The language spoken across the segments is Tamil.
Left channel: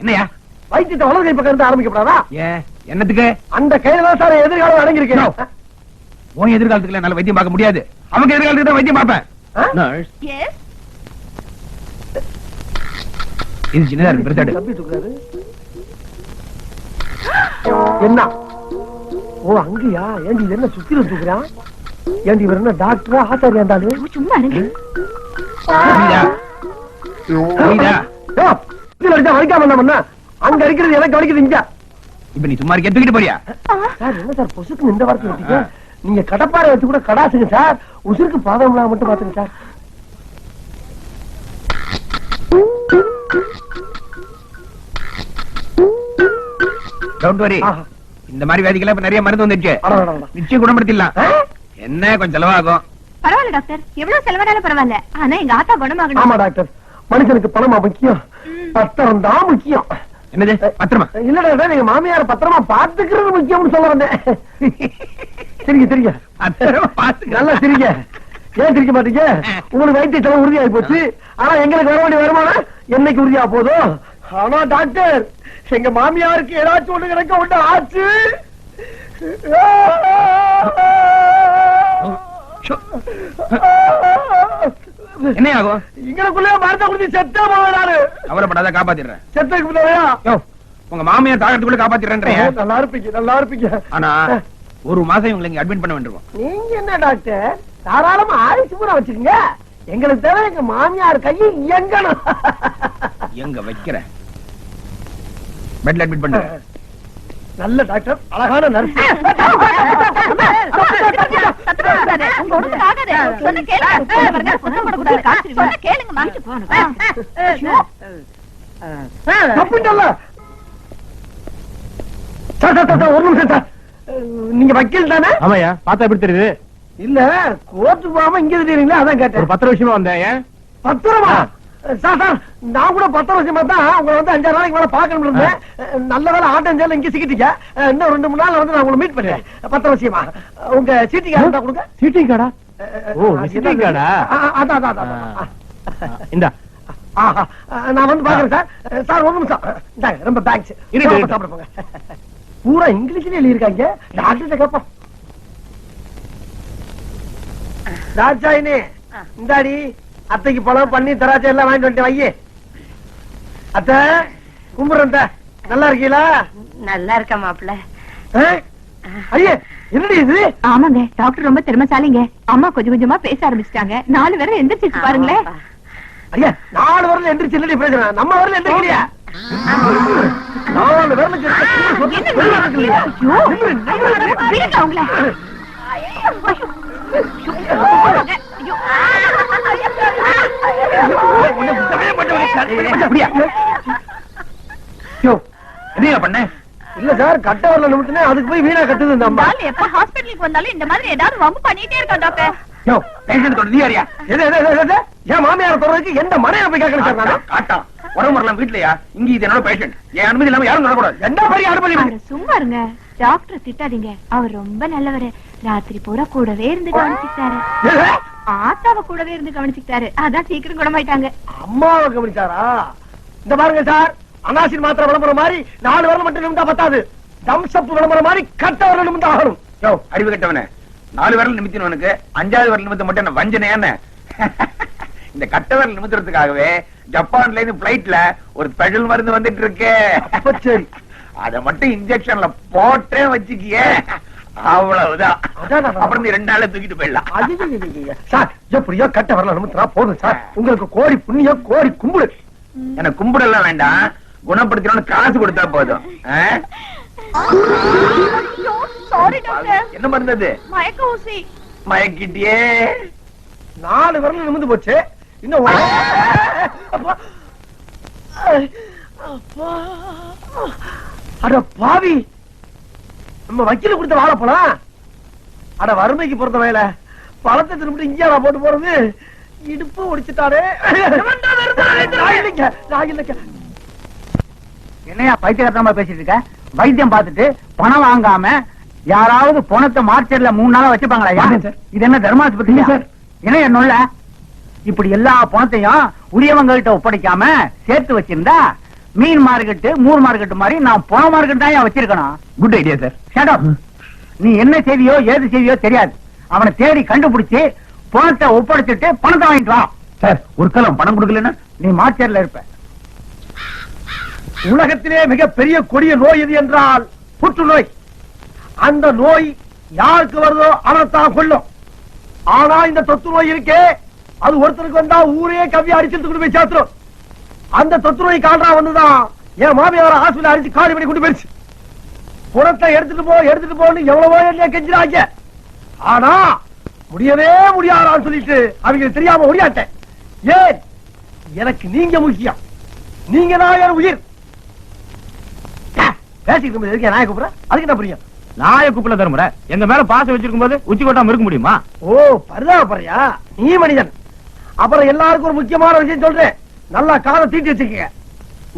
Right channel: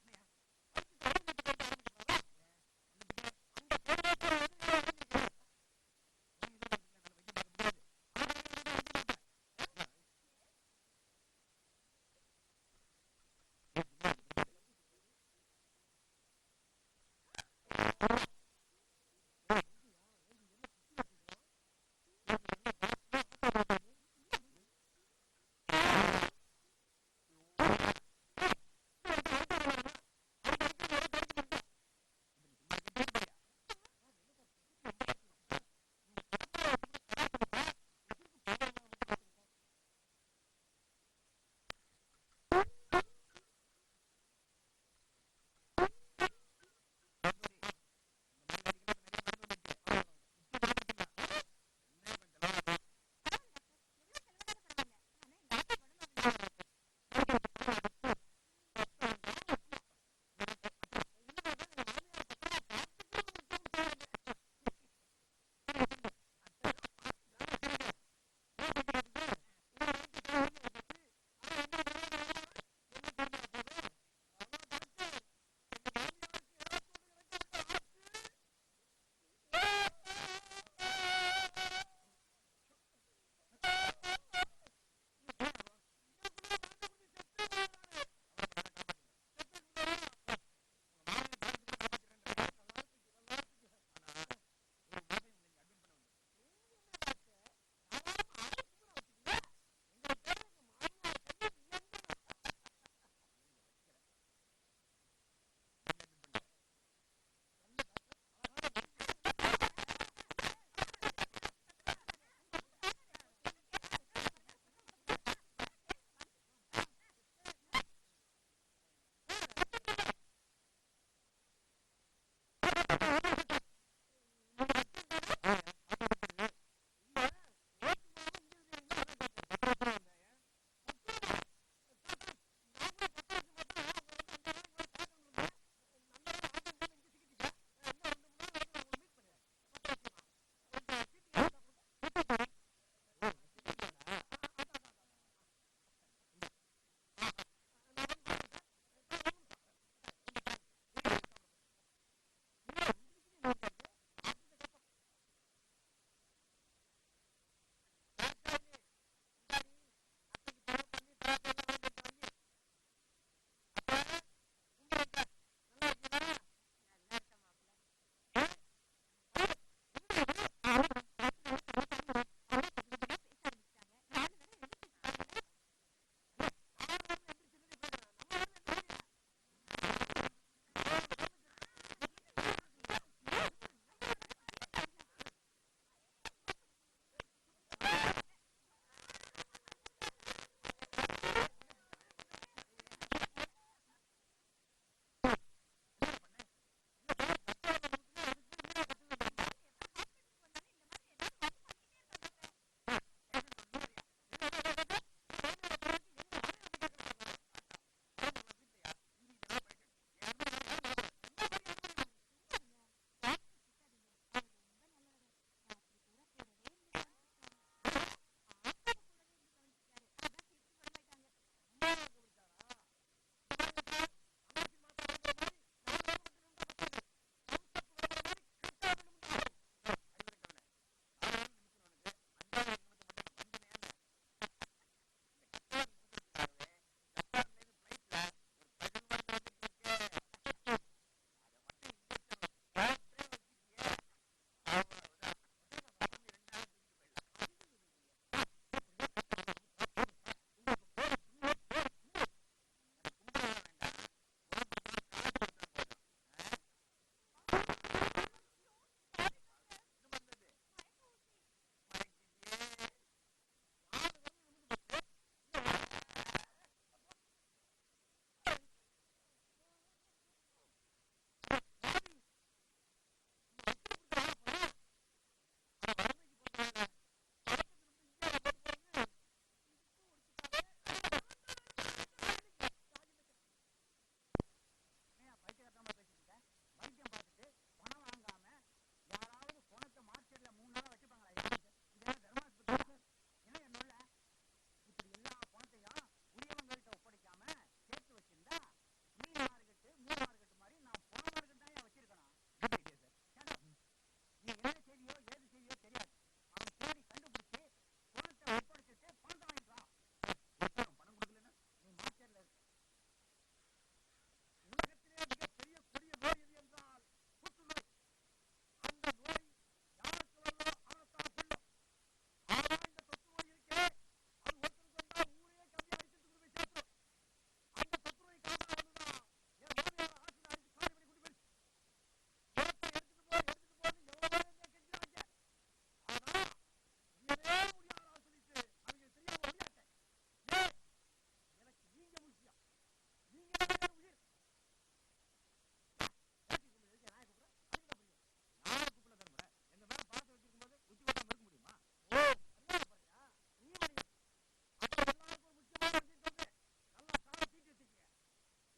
என்னையா? வைத்தியத்தை வலது கை பக்கம் இருந்து ஆரம்பிக்கப்படாதா? என்னத்துக்கு? அந்த கையில தான் சார் எதிர்காலம் அடங்கியிருக்கேன் உன் எதிர்காலத்துக்கு என்னால வைத்தியம் பார்க்க முடியாது. அவங்க எதிர்காலத்துக்கு தான் வைத்தியம் பார்ப்பேன். ஆ? நர்ஸ் எஸ் இது சின்னதா இருக்கு. என்ன? ஓ அங்கயா? ஏண்டி இது என்ன சுத்தில தூக்குறான் ஏண்டி இவர் என்ன டாக்டரா ஆச்சாரியா இருந்தாலும் சும்மா இருங்க. அங்க அடிக்கிறது எனக்கு வலிக்குது இங்க? இப்ப நீ சும்மா இருக்க தூக்கிட்டு போறியா? சார் என்ன சார் பொசுக்கு இந்த வார்த்தை வச்சுக்க? நீங்க கடப்பாறை வச்சு கூட கடாசுங்க சார். உசுருக்கு பாதம் மட்டும் பாத்துங்க சார். Don't worry. இந்த மாதிரி வியாதிக்கெல்லாம் இப்ப நிறைய மருந்து வந்துருச்சு. நிச்சயம் குணப்படுத்திடலாம்? என்ன கொஞ்சம் செலவாகும்? பரவாயில்ல டாக்டர். எவ்வளவு செலவானாலும் பரவாயில்ல. ஆனா எங்க ஆத்தா ஆமா குணமாகணும் டாக்டர். மனுஷனுக்கு பணமா முக்கியம். பத்திரம் தான் முக்கியம். என்னது? பத்திரமா? இல்ல டாக்டர் எங்க மாமியார் பத்திரமா பாத்துக்கிறது முக்கியம்னு சொல்ல வந்தேன். சரிங்க பாத்துக்க நல்லா சிரிங்க. ஏன் சிரிக்க மாட்டீங்க? உங்களுக்கு வைத்திய செலவு உறுதியாகி போச்சு. ஆனா எங்களுக்கு வர வேண்டிய வருமானம் என்னைக்கு உறுதியா போதும் ஆனா டாக்டர். எங்க மாமியாருக்கு ஏதாச்சும் ஒண்ணு கிடக்க ஒண்ணு ஆச்சு. என்ன ஆகும் எங்களுக்குள்ளே மரத்தை குடிச்சு செத்தே போவேன் கவலைப்படாத காப்பாத்திடுறேன். செத்துக்கு முன்னாடியா? யோ உங்க மாமியார் தாகத்துக்குள்ள காப்பாத்திடுறேன்றீங்க. நல்லா இருப்பீங்க நல்லா இருப்பீங்க. ஆனா ஒரு மாசம் இவங்களை இங்க அட்மிட் பண்ண வேண்டியிருக்கும். நீங்க என்ன டாக்டர்? தாராளமா ஆயுசு பூரா வச்சுக்கோங்க. எங்களுக்கு தேவை எங்க மாமியார் கையை இயங்கணும். எங்க வைக்கிற? பெட்ல அட்மிட் பண்ணு நல்ல டாக்டர் அழகான நர்ஸ். ஒரு நிமிஷம் சார் நீங்க வக்கீல் தானே? ஆமாயா பார்த்தா எப்படி தெரியுது? இல்ல கோர்ட்டு போகாம இங்க இருக்கீங்களா அதான் ஒரு கேட்டேன் பத்திர விஷயமா வந்தேன் பத்திரமா? சார் சார் நான் கூட பத்து வருஷமா தான் உங்களை வந்து அஞ்சாறு நாளைக்கு மேல பாக்கணும் இருந்தேன். நல்ல வேலை ஆட்டம் சேல இங்க சிக்கிட்டீங்க. இன்னும் ரெண்டு மூணு நாள் வந்து நான் உங்களை மீட் பண்ணேன் பத்து வருஷமா உங்க சீட்டிங் கொடுங்க. கார்டா ஓ, அதான் அதான் அதான் இந்தா. நான் வந்து பாக்குறேன் சார். சார் ஒரு நிமிஷம். இந்தாங்க ரொம்ப தேங்க்ஸ் இருக்கு, இருக்கு. சாப்பிட போங்க. பூரா இங்கிலீஷ்ல எழுதியிருக்காங்க. டாக்டர் கேப்போம். ராஜாயினே இந்தாடி. அத்தைக்கு பழம் பண்ணி திராட்சை எல்லாம் வாங்கிட்டு வந்துட்டேன் வையே. அத்தை கும்பிடுறேன். நல்லா இருக்கீங்களா? நல்லா இருக்க மாப்பிள்ள. ஆ? ஐயே என்னடி இது? ஆமாங்க டாக்டர் ரொம்ப திறமைசாலிங்க. அம்மா கொஞ்சம் கொஞ்சமா பேச ஆரம்பிச்சிட்டாங்க. நாலு பேரும் எந்திரிச்சு பாருங்களேன். ஐயா நாலு வரல எந்திரிச்சு என்னடி பேசுறேன் நம்ம வரல எந்திரிக்கலையா நாலு என்னையா பண்ண இல்ல சார் கட்ட வரல நிமிட்டுனே அதுக்கு போய் வீணா கட்டுது இந்த அம்மா. எப்ப ஹாஸ்பிட்டலுக்கு வந்தாலும் இந்த மாதிரி ஏதாவது வம்பு பண்ணிட்டே இருக்கான் டாக்டர். யோ பேஷண்ட் தொட நீ யாரியா எது, எது, எது? என் மாமியார் தொடர்றதுக்கு எந்த மனையில போய் கேட்கணும் சார் நானு? காட்டா உடம்பு வரலாம் வீட்லயா? இங்க இது என்னோட பேஷண்ட் என் அனுமதி இல்லாம யாரும் நடக்கூடாது. என்ன பெரிய அனுமதி? சும்மா இருங்க. டாக்டர் திட்டாதீங்க. அவர் ரொம்ப நல்லவரு. ராத்திரி பூரா கூடவே இருந்து கவனிச்சுக்கிட்டாரு எது? ஆத்தாவ கூடவே இருந்து கவனிச்சுக்கிட்டாரு. அதான் சீக்கிரம் குணமாயிட்டாங்க. அம்மாவை கவனிச்சாரா? இந்த பாருங்க சார் அனாசின் மாத்திரை விளம்பரம் மாதிரி நாலு வரல மட்டும் நிமிந்தா பத்தாது. தம்சப் விளம்பரம் மாதிரி கட்ட வரல நிமிந்தா ஆகணும் யோ அறிவு கட்டவனே. நாலு விரல் நிமித்தினவனுக்கு அஞ்சாவது விரல் நிமித்தம் மட்டும் என்ன வஞ்சனையா என்ன? இந்த கட்ட விரல் நிமித்துறதுக்காகவே ஜப்பான்ல இருந்து பிளைட்ல ஒரு ஸ்பெஷல் மருந்து வந்துட்டு இருக்கு. சரி. அத மட்டும் இன்ஜெக்ஷன்ல போட்டே வச்சுக்கியே. அவ்வளவுதான் அப்புறம் ரெண்டு நாள்ல தூக்கிட்டு போயிடலாம். சார் எப்படியோ கட்ட வரல போதும் சார் உங்களுக்கு கோடி புண்ணியம் கோடி கும்பிடு எனக்கு கும்பிடலாம் வேண்டாம் குணப்படுத்தணும்னு காசு கொடுத்தா போதும் ஆ? சாரி டாக்டர் என்ன மயக்க ஊசி மயக்கிட்டியே நாலு விரல் நிமிந்து போச்சு இன்னும். அட பாவி நம்ம வக்கீல கொடுத்த வாழைப்பழம் அட வறுமைக்கு பொறுத்த வேலை பழத்தை திரும்பி இங்கே போட்டு போறது? இடுப்பு ஒடிச்சுட்டாரே என்னையா பைத்தியகாரத்தனமா பேசிட்டு இருக்க? வைத்தியம் பார்த்துட்டு பணம் வாங்காம யாராவது பணத்தை மார்க்கெட்ல மூணு நாளா வச்சுப்பாங்களா சார். இது என்ன தர்மாஸ்பத்திரி சார். என்ன என்னொல்ல இப்படி எல்லா பணத்தையும் உரியவங்க கிட்ட ஒப்படைக்காம சேர்த்து வச்சிருந்தா மீன் மார்க்கெட்டு மூர் மார்க்கெட் மாதிரி நான் பண மார்க்கெட் தான் வச்சிருக்கணும். Good idea sir up. நீ என்ன செய்தியோ ஏது செய்தியோ தெரியாது. அவனை தேடி கண்டுபிடிச்சு பணத்தை ஒப்படைச்சிட்டு பணத்தை வாங்கிட்டு வா. சார் ஒரு காலம் பணம் கொடுக்கலன்னா? நீ மார்க்கெட்ல இருப்ப. உலகத்திலே மிகப்பெரிய கொடிய நோய் எது என்றால் புற்றுநோய். அந்த நோய் யாருக்கு வருதோ அவனைத்தான் கொல்லும். ஆனா இந்த தொத்து நோய் இருக்கே. அது ஒருத்தருக்கு வந்தா ஊரே கவ்வி அடிச்சுட்டு கொண்டு போய் சேர்த்துரும். அந்த தொத்து நோய் கால்றா வந்துதான். என் மாமியார ஹாஸ்பிட்டல் அடிச்சு காலி பண்ணி கொண்டு போயிடுச்சு. புறத்தை எடுத்துட்டு போ எடுத்துட்டு போன்னு எவ்வளவோ என்ன கெஞ்சிராங்க ஆனா முடியவே முடியாதான்னு சொல்லிட்டு அவங்களுக்கு தெரியாம முடியாட்டேன் ஏன்? எனக்கு நீங்க முக்கியம். நீங்க தான் என் உயிர். பேசிட்டு இருக்கும்போது எதுக்கு நாய கூப்பிடுற? அதுக்கு என்ன புரியும்? நாய கூப்பிட தருமுறை. எங்க மேல பாசம் வச்சிருக்கும் போது உச்சி கொட்டாம இருக்க முடியுமா? ஓ பரிதாபப்படுறியா நீ மனிதன். அப்புறம் எல்லாருக்கும் ஒரு முக்கியமான விஷயம் சொல்றேன். நல்லா காதை தீட்டி வச்சுக்கங்க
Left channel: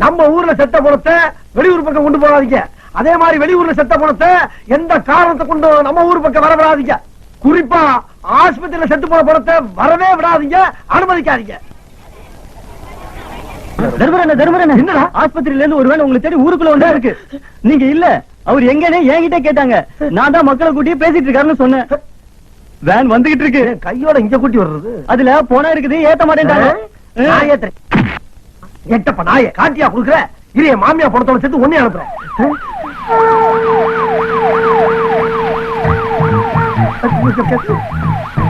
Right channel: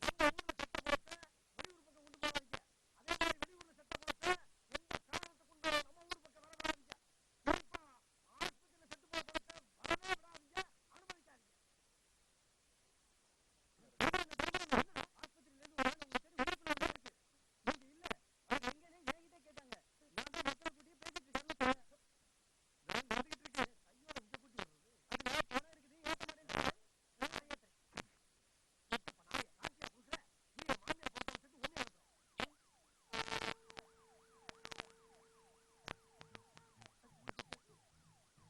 நம்ம ஊர்ல செத்த பணத்தை வெளியூர் பக்கம் கொண்டு போகாதீங்க. அதே மாதிரி வெளியூர்ல செத்த பணத்தை எந்த காரணத்தை கொண்டு நம்ம ஊர் பக்கம் வர விடாதீங்க குறிப்பா ஆஸ்பத்திரியில செத்து போன பணத்தை வரவே விடாதீங்க. அனுமதிக்காதீங்க. தர்மரண்ண தர்மரண்ண. என்னடா? ஆஸ்பத்திரியில இருந்து ஒருவேளை உங்களுக்கு தேடி ஊருக்குள்ள ஒன்றா இருக்கு. நீங்க இல்ல. அவர் எங்கன்னு என்கிட்ட கேட்டாங்க. நான் தான் மக்களை கூட்டி பேசிட்டு இருக்காருன்னு சொன்னேன். வேன் வந்துகிட்டு இருக்கு. கையோட இங்க கூட்டி வர்றது? அதுல போனா இருக்குது ஏத்த மாட்டேன்டாங்க நான் ஏத்துறேன். எட்டப்ப நாய காட்டியா குடுக்குற? இரிய மாமியா பணத்தோட சேர்த்து ஒன்னே அனுப்புறேன்.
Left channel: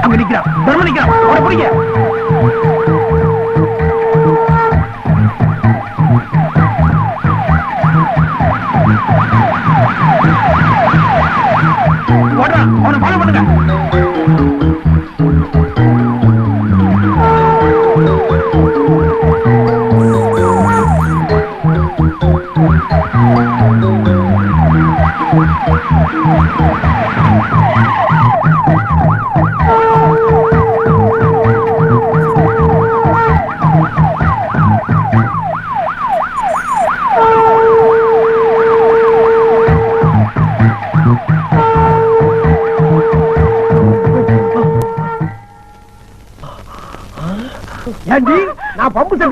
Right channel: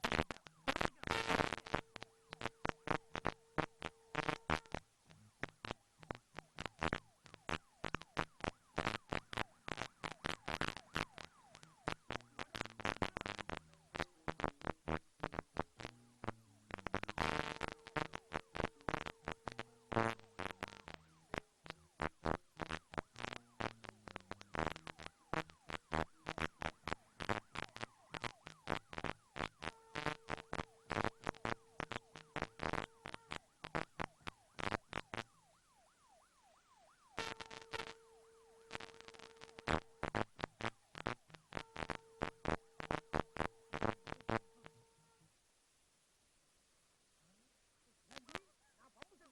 அங்க நிக்கிறான். தர்ம நிக்கிறான். அவனை பிடிங்க. ஓடுறான் அவனை ஃபாலோ பண்ணுங்க.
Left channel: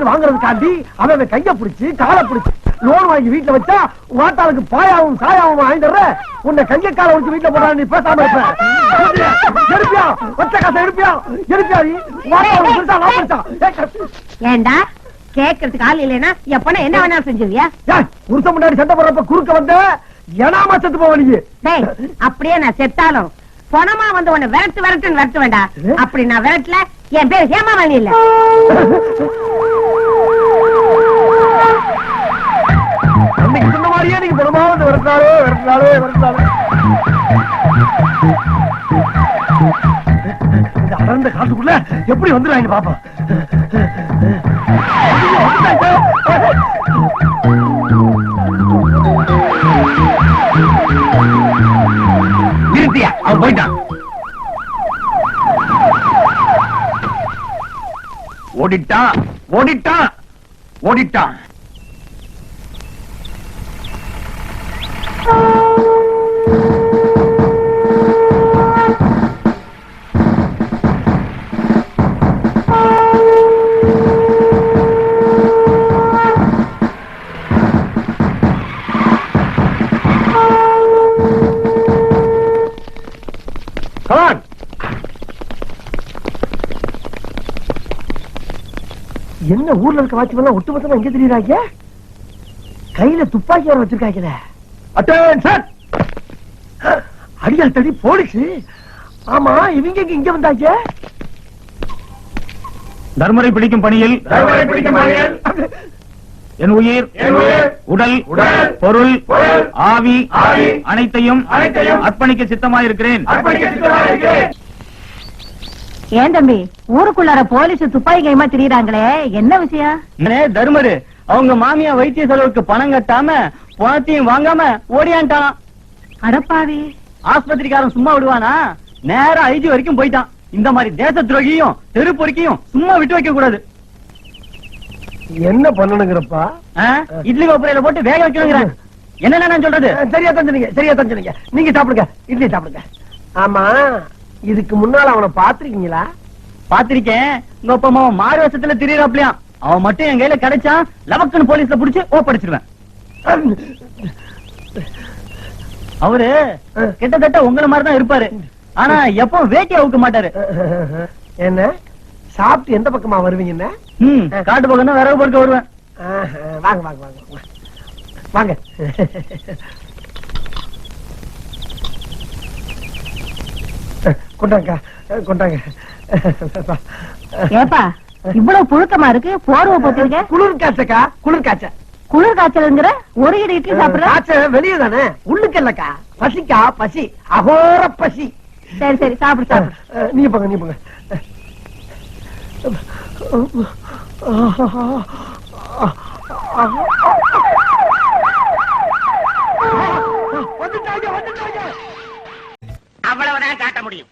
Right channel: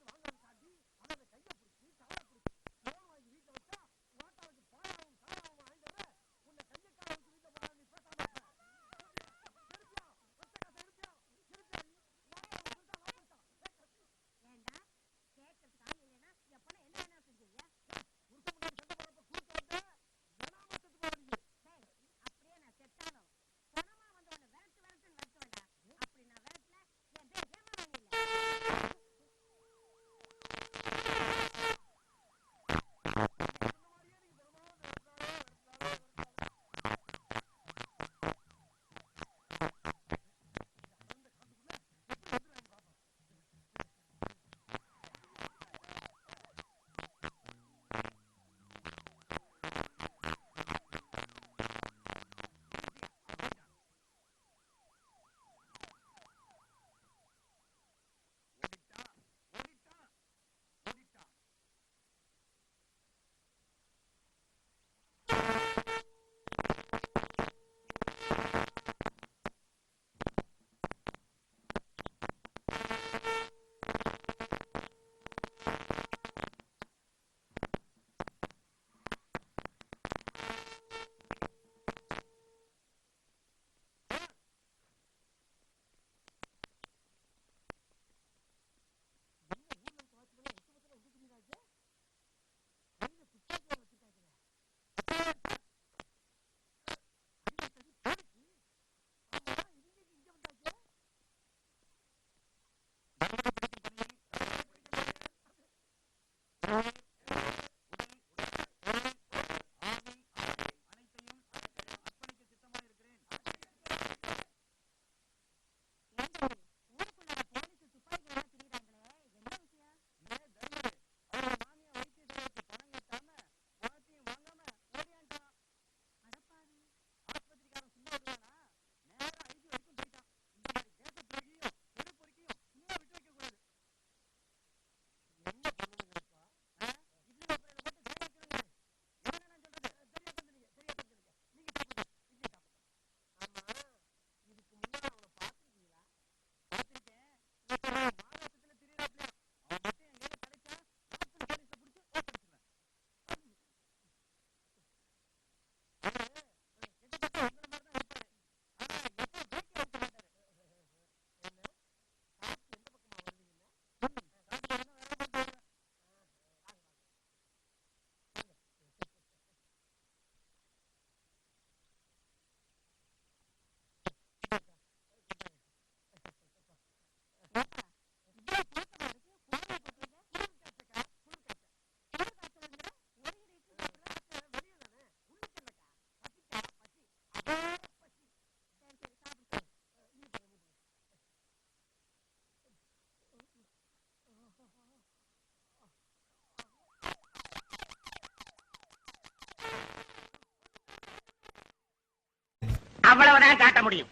செட்டு வாங்குறதுக்காண்டி அவன் கைய பிடிச்சு காலை பிடிச்சு லோன் வாங்கி வீட்டுல வச்சா வாட்டாளுக்கு பாயாவும் சாயாவும் வாங்கிடுற உன்னை கைய காலை வச்சு வீட்டுல போடா நீ பேசாம இருப்ப. எடுப்பியா ஒற்ற காசை எடுப்பியா எடுப்பியா நீ. ஏண்டா? கேக்குறதுக்கு ஆள் இல்லைன்னா எப்பனா என்ன வேணா செஞ்சுவியா புருஷன் முன்னாடி சண்டை போடுறப்ப குறுக்க வந்த ஏனாமா செத்து போவ நீ? டேய் அப்படியே நான் செத்தாலும் பொணமா வந்து உன்னை விரட்டு விரட்டுன்னு விரட்டு வேண்டா அப்படி நான் விரட்டல என் பேர் ஹேமாவாணி இல்ல பணமாவது விரட்டினாலே விரட்டினாலே இந்த அடர்ந்த காட்டுக்குள்ள எப்படி வந்துடுறாங்க பாப்பா அவன் போயிட்டான். ஓடிட்டான் ஓடிட்டான் ஓடிட்டான். என்ன ஊர்ல இருக்க வாட்ச்மேன் ஒட்டுமொத்தமா எங்க தெரியுறாங்க? கையில துப்பாக்கி வர வச்சிருக்காங்களே அட்டென்ஷன் அடியால் தடி போலீஸ். ஆமா இவங்க இங்க வந்தாங்க? தர்மரை பிடிக்கும் பணியில். தர்மரை பிடிக்கும் பணியில். என் உயிர் என் உயிர், உடல் உடல், பொருள் பொருள், ஆவி ஆவி, அனைத்தையும் அனைத்தையும் அர்ப்பணிக்க சித்தமாயிருக்கிறேன். அர்ப்பணிக்க சித்தமாயிருக்கிறேன். ஏன் தம்பி? ஊருக்குள்ளார போலீஸ் துப்பாக்கி கைமா திரியறாங்களே. என்ன விஷயம்? தர்மரு. அவங்க மாமியா வைத்திய செலவுக்கு பணம் கட்டாம பணத்தையும் வாங்காம ஓடியான்ட்டான். அடப்பாவி ஆஸ்பத்திரிக்காரன் சும்மா விடுவானா? நேரா ஐஜி வரைக்கும் போயிட்டான். இந்த மாதிரி தேச துரோகியும் தெரு பொறுக்கியும் சும்மா விட்டு வைக்க கூடாது. என்ன பண்ணணுங்கிறப்பா? இட்லி கோப்பரையில போட்டு வேக வைக்கணுங்கிறேன். என்னென்ன நான் சொல்றது? சரியா தான் சொன்னீங்க சரியா தான் சொன்னீங்க நீங்க சாப்பிடுங்க இட்லி சாப்பிடுங்க. ஆமா. இதுக்கு முன்னால அவனை பாத்திருக்கீங்களா பாத்திருக்கேன் உங்க அப்பா அம்மா மாறு வருஷத்துல திரியறாப்லயாம் அவன் மட்டும் என் கையில கிடைச்சா லவக்குன்னு போலீஸ்ல புடிச்சு ஓப்படிச்சிருவேன் அவரு கிட்டத்தட்ட உங்கள மாதிரி தான் இருப்பாரு. ஆனா எப்பவும் வேட்டி அவுக்க மாட்டாரு. என்ன? சாப்பிட்டு எந்த பக்கமா வருவீங்கன்னு காட்டு பக்கம் தான் விறகு பொறுக்க வருவேன். வாங்க வாங்க வாங்க. வாங்க. வாங்க கொண்டாங்க கொண்டாங்க. ஏப்பா இவ்வளவு புழுக்கமா இருக்கு? போர்வை போட்டுருக்க? குளிர் காய்ச்சக்கா? குளிர் காய்ச்ச. குளிர் காய்ச்சலுங்கிற ஒரு இடி இட்லி சாப்பிடுற? காய்ச்ச வெளியே தானே? உள்ளுக்கு இல்லக்கா. பசிக்கா? பசி. அகோர பசி. சரி சரி சாப்பிடு சாப்பிடு. நீங்க போங்க நீங்க போங்க. அவ்வளவுதான் காட்ட முடியும்.